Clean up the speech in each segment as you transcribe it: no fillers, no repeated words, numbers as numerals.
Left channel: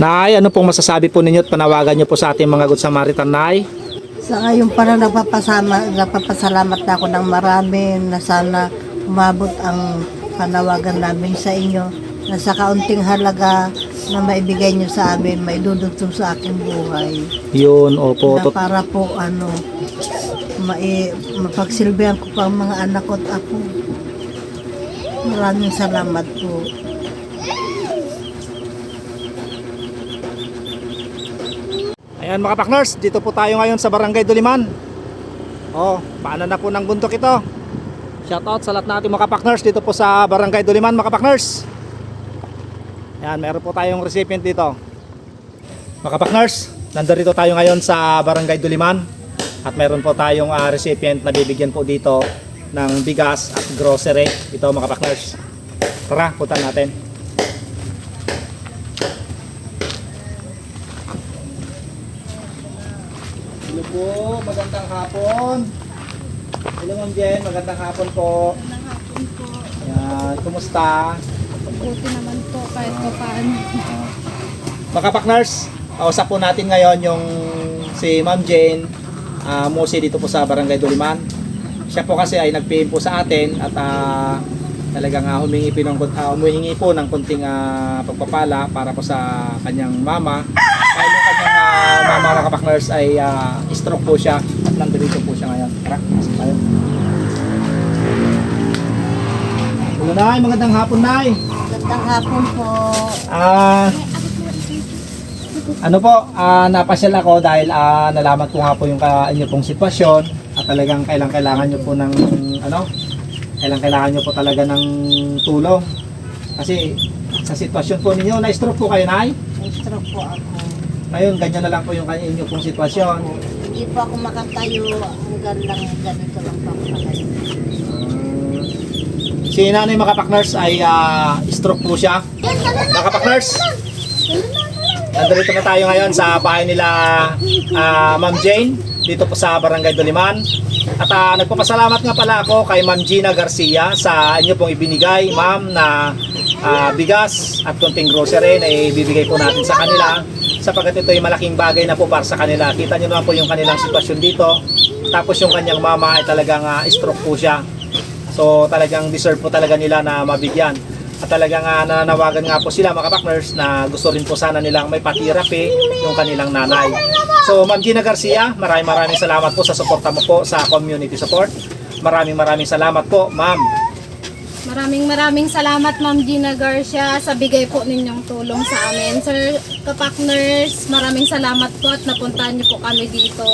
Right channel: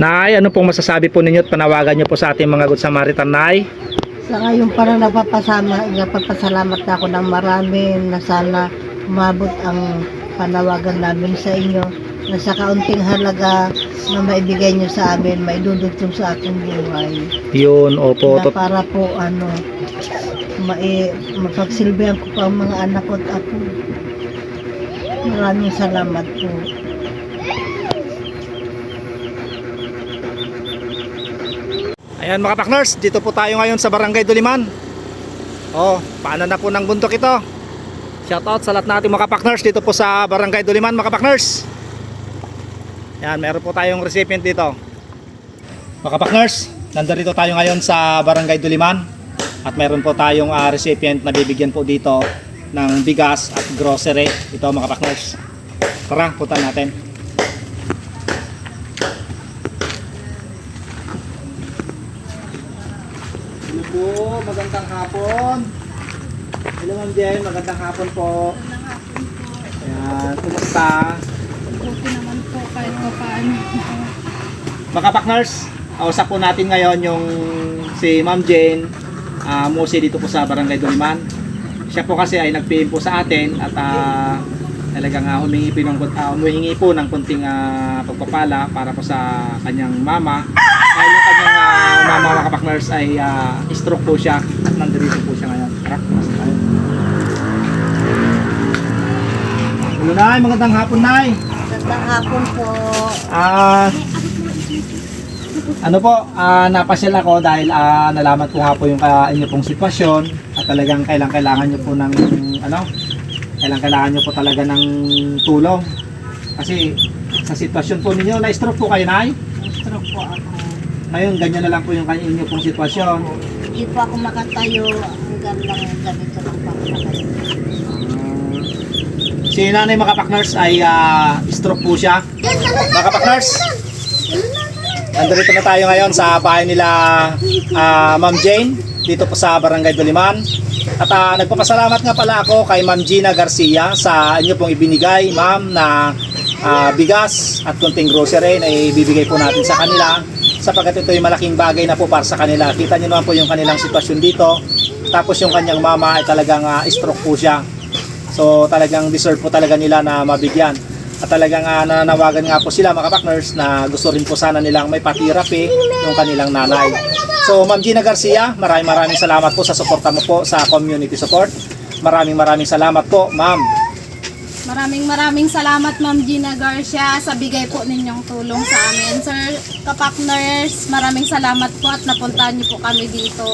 Nay, ano pong masasabi po ninyo at panawagan nyo po sa ating mga Good Samaritan, Nay? Sa ngayon parang nagpapasalamat na ako ng marami na sana umabot ang panawagan namin sa inyo na sa kaunting halaga na maibigay nyo sa amin, maidudugtong sa aking buhay. Yun, opo. Na para po mapagsilbihan ko pa ang mga anak ko at ako. Maraming salamat po. Ayan mga partners, dito po tayo ngayon sa Barangay Duliman. Paano na po ng bundok ito. Shoutout sa lahat nating mga partners dito po sa Barangay Duliman mga partners. Ayan, meron po tayong recipient dito. Mga partners, nandito tayo ngayon sa Barangay Duliman. At meron po tayong recipient na bibigyan po dito ng bigas at grocery. Ito mga partners. Tara, punta natin. Hello po, magandang hapon. Hello Ma'am Jen, magandang hapon po. Ayan, kumusta? Buti naman po kahit pa paano. Mga partners, kausap po natin ngayon yung si Ma'am Jane Mose dito po sa Barangay Duliman. Siya po kasi ay nag-PM po sa atin at talagang humihingi po ng kunting pagpapala para po sa kanyang mama. Dahil yung kanyang mama mga partners ay stroke po siya at nandito po siya ngayon. Tara, pasok tayo. Hello Nay, magandang hapon Nay. Magandang hapon po. Napasyal ako dahil nalaman ko nga po yung inyo pong sitwasyon at talagang kailangan nyo po ng kailangan nyo po talaga ng tulong. Kasi sa sitwasyon po ninyo, na-stroke po kayo Nay? Stroke po ako. Ngayon, ganyan na lang po yung inyo pong sitwasyon. Hindi po ako makatayo hanggang lang ganito lang po ako makatayo. Si Nanay mga partners ay stroke po siya. Mga partners, nandito na tayo ngayon sa bahay nila Ma'am Jane dito po sa Barangay Duliman. At nagpapasalamat nga pala ako kay Ma'am Gina Garcia sa inyo pong ibinigay ma'am na bigas at konting grocery na ibibigay po natin sa kanila sapagkat ito ay malaking bagay na po para sa kanila. Kita niyo naman po yung kanilang sitwasyon dito. Tapos yung kanyang mama ay talagang stroke po siya. So talagang deserve po talaga nila na mabigyan. At talagang nananawagan nga po sila mga partners na gusto rin po sana nilang may pa-therapy yung kanilang nanay. So Ma'am Gina Garcia, maraming salamat po sa suporta mo po sa community support. Maraming salamat po Ma'am. Maraming salamat Ma'am Gina Garcia sa bigay po ninyong tulong sa amin. Sir ka-partners, maraming salamat po at napuntahan niyo po kami dito.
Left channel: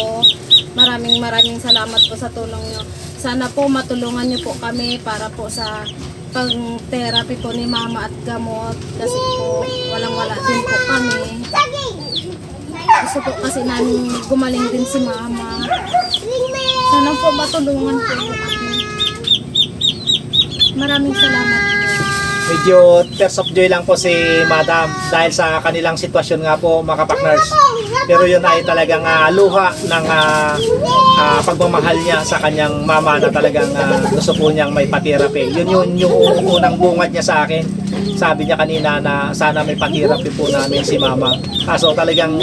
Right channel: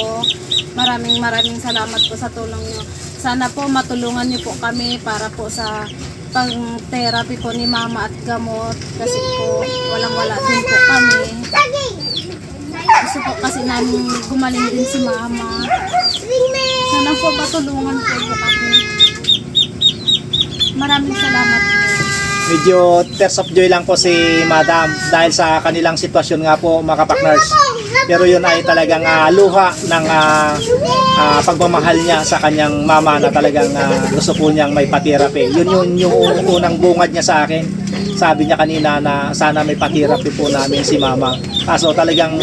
Maraming salamat po sa tulong niyo. Sana po matulungan niyo po kami para po sa pang-therapy po ni mama at gamot kasi po walang-wala din po kami. Gusto po kasi namin gumaling din si mama. Sana po matulungan po kami. Maraming salamat po. Medyo tears of joy lang po si Madam dahil sa kanilang sitwasyon nga po mga partners. Pero yun ay talagang luha ng pagmamahal niya sa kanyang mama na talagang gusto po niyang may pa-therapy. Yun yung unang bungad niya sa akin. Sabi niya kanina na sana may pa-therapy po namin si mama. Kaso talagang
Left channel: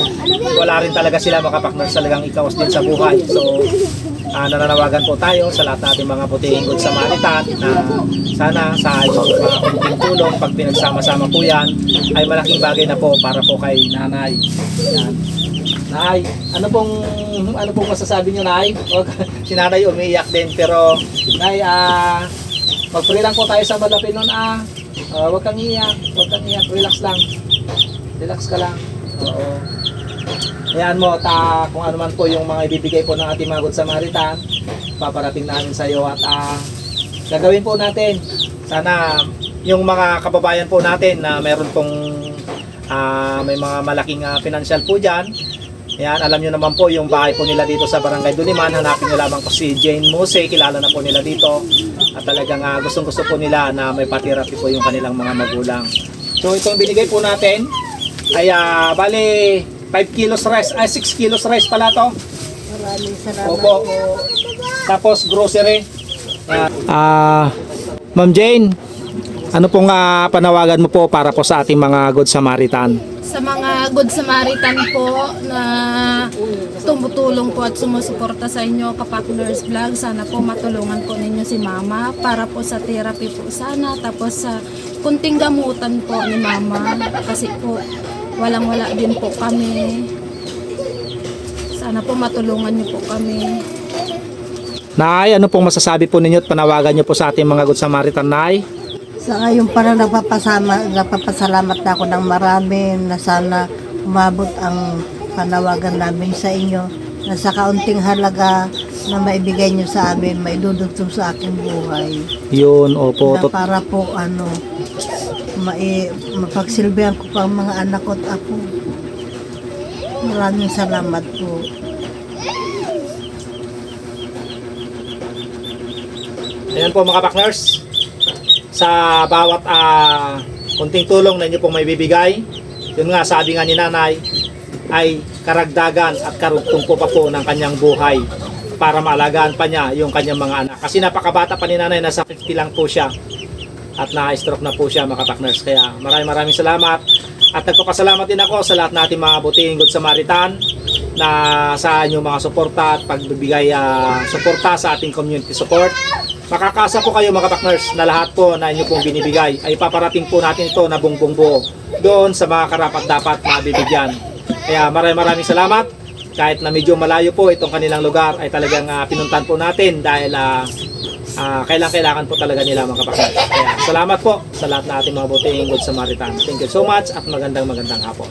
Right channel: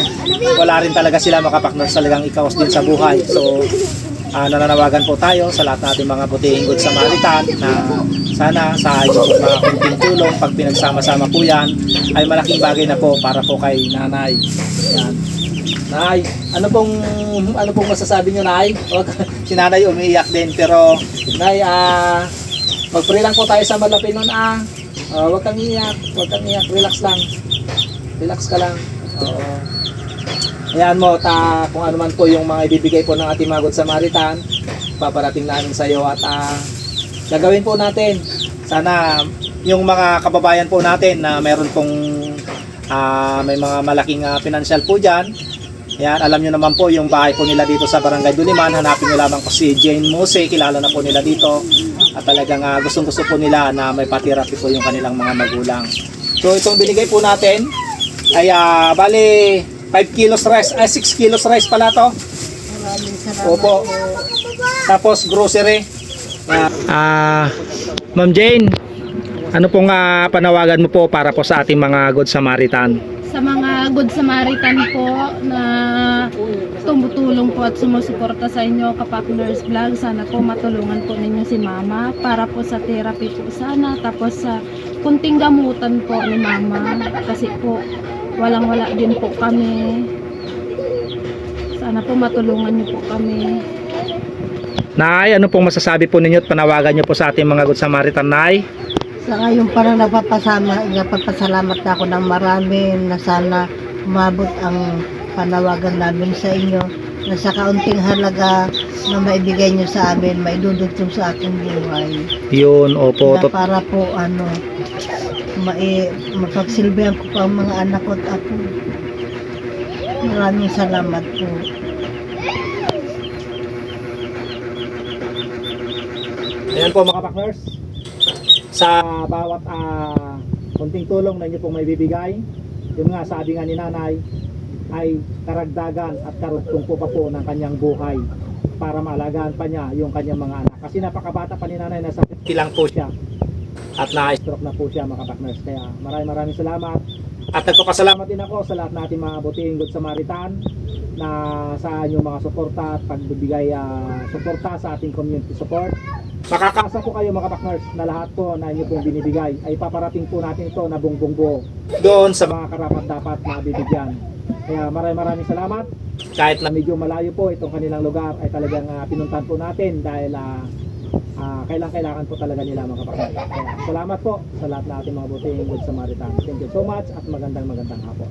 wala rin talaga sila mga partners, talagang ikaos din sa buhay. So nananawagan po tayo sa lahat nating mga puting Good Samaritan na sana sa inyong mga kunting tulong pag pinagsama-sama po yan ay malaking bagay na po para po kay nanay. Yan. Nay, ano pong masasabi niyo Nay? Si nanay umiiyak din pero Nay, mag-pray lang po tayo sa malapit nun huwag kang iyak, relax lang. Relax ka lang. Oo. Ayan mo, kung ano man po yung mga ibibigay po ng ating mga Good Samaritan, paparating namin sa iyo at gagawin po natin. Sana yung mga kababayan po natin na meron pong may mga malaking financial po dyan. Ayan, alam nyo naman po yung bahay po nila dito sa Barangay Duliman. Hanapin nyo lamang po si Jane Mose, kilala na po nila dito. At talagang gustong-gusto po nila na may pa-therapy po yung kanilang mga magulang. So itong binigay po natin ay bali 5 kilos rice, 6 kilos rice pala to. Maraming salamat Opo. po. Tapos grocery. Ma'am Jane, ano pong panawagan mo po para po sa ating mga Good Samaritan? Sa mga Good Samaritan po na tumutulong po at sumusuporta sa inyo, Kapakners Vlog. Sana po matulungan po ninyo si Mama para po sa therapy po sana. Tapos sa kunting gamutan po ni Mama kasi po walang-wala din po kami. Sana po matulungan niyo po kami. Nay, ano pong masasabi po ninyo at panawagan niyo po sa ating mga Good Samaritan, Nay? Sa ngayon parang nagpapasalamat na ako ng marami na sana umabot ang panawagan namin sa inyo na sa kaunting halaga na maibigay nyo sa amin, maidudugtong sa aking buhay. Yun, opo. Na para po mapagsilbihan ko pa ang mga anak ko at ako. Maraming salamat po. Ayan po mga Kapakners. Sa bawat kunting tulong na inyo pong may bibigay, yun nga sabi nga ni Nanay, ay karagdagan at karugtong po pa po ng kanyang buhay para maalagaan pa niya yung kanyang mga anak. Kasi napakabata pa ni Nanay, nasa 50 lang po siya at na-stroke na po siya mga Kapakners. Kaya maraming salamat at nagpapasalamat din ako sa lahat natin mga butihing Good Samaritan na sa inyong mga suporta at pagbibigay suporta sa ating community support. Makakasa po kayo mga Kapakners na lahat po na inyo pong binibigay ay paparating po natin ito na buong buo doon sa mga karapat dapat mabibigyan. Kaya maraming salamat. Kahit na medyo malayo po itong kanilang lugar ay talagang pinuntan po natin dahil kailangan po talaga nila mga Kapakners. Kaya salamat po sa lahat na ating mga butihing Good Samaritan. Thank you so much at magandang hapon.